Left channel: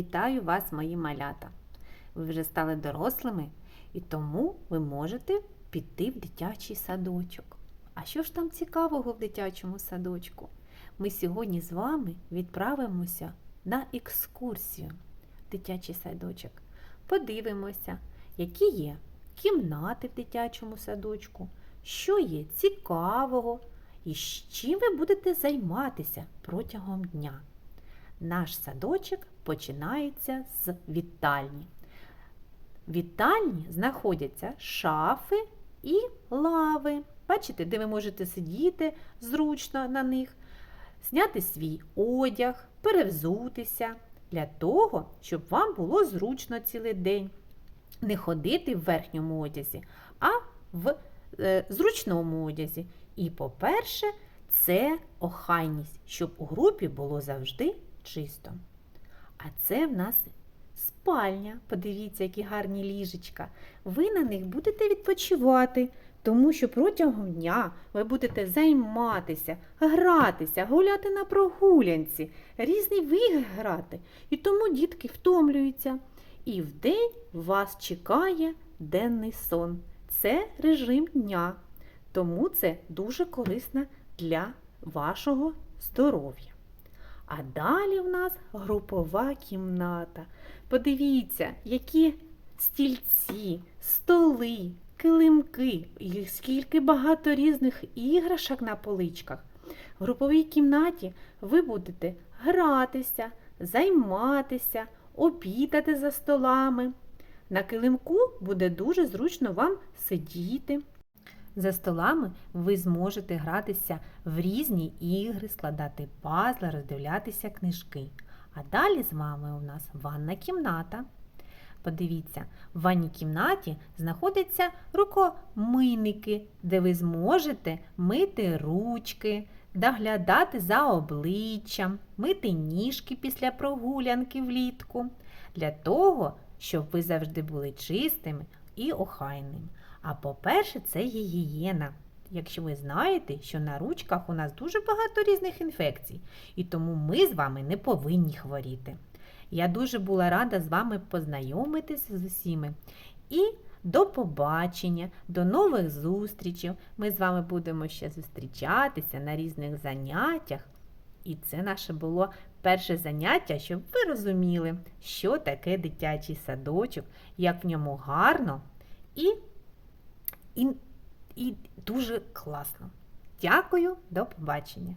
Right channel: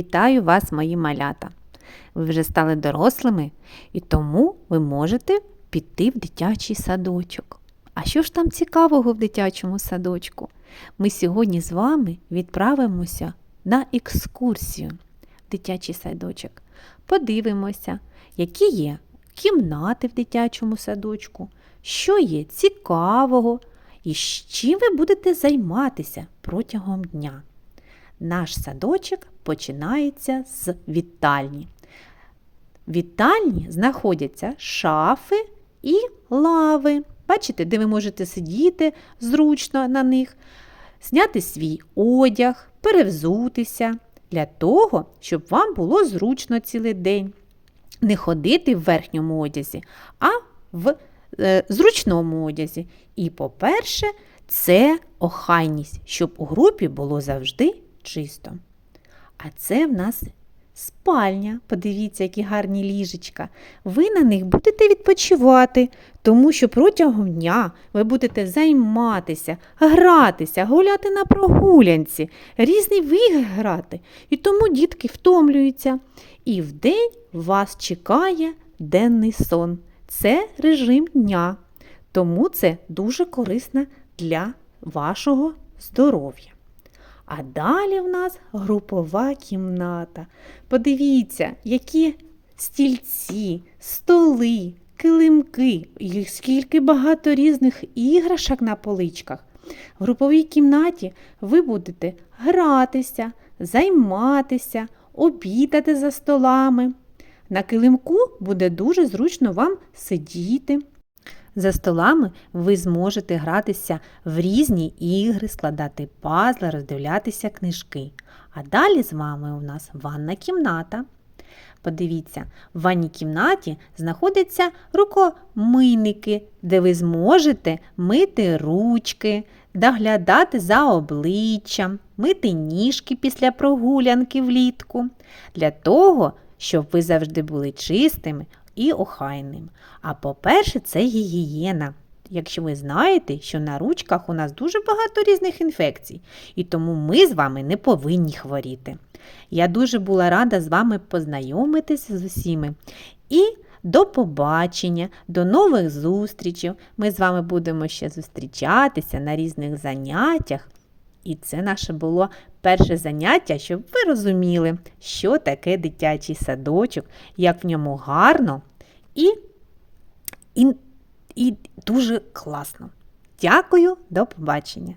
Вітаю вас, мої малята! Ви вже стали дорослими, і тому ви можете піти в дитячий садочок. А що ж там цікавого в дитячому садочку? Ми сьогодні з вами відправимося на екскурсію в дитячий садочок. Подивимося, які є кімнати в дитячому садочку, що є цікавого і з чим ви будете займатися протягом дня. Наш садочок починається з вітальні. Вітальні знаходяться шафи і лави. Бачите, де ви можете сидіти зручно на них, зняти свій одяг, перевзутися для того, щоб вам було зручно цілий день. Не ходити в верхньому одязі, а в е, зручному одязі. І, по-перше, це охайність, щоб у групі було завжди чисто. А це в нас спальня. Подивіться, які гарні ліжечка. Ви на них будете відпочивати, тому що протягом дня ви будете займатися, гратися, гуляти на прогулянці, різні виги грати. І тому дітки втомлюються. І вдень вас чекає денний сон. Це режим дня. Тому це дуже корисно для вашого здоров'я. А далі в нас групова кімната. Подивіться, які стільці, столи, килимки, і скільки багато різних іграшок на поличках. В груповій кімнаті ви будете гратися, займатися, обідати за столами. На килимку буде дуже зручно вам сидіти. За столами ви зможете гратися в різні ігри, складати пазли, роздивлятися книжки. А далі з вами у нас ванна кімната. Подивіться, в ванній кімнаті знаходяться рукомийники, де ви зможете мити ручки, доглядати за обличчям, мити ніжки після прогулянки влітку, для того, щоб ви завжди були чистими і охайними. А по-перше, це гігієна. Якщо ви знаєте, що на ручках у нас дуже багато різних інфекцій, і тому ми з вами не повинні хворіти. Я дуже була рада з вами познайомитися з усіми. І до побачення, до нових зустрічей. Ми з вами будемо ще зустрічатися на різних заняттях. І це наше було перше заняття, щоб ви розуміли, що таке дитячий садочок, як в ньому гарно і, і, і дуже класно. Дякую, до побачення!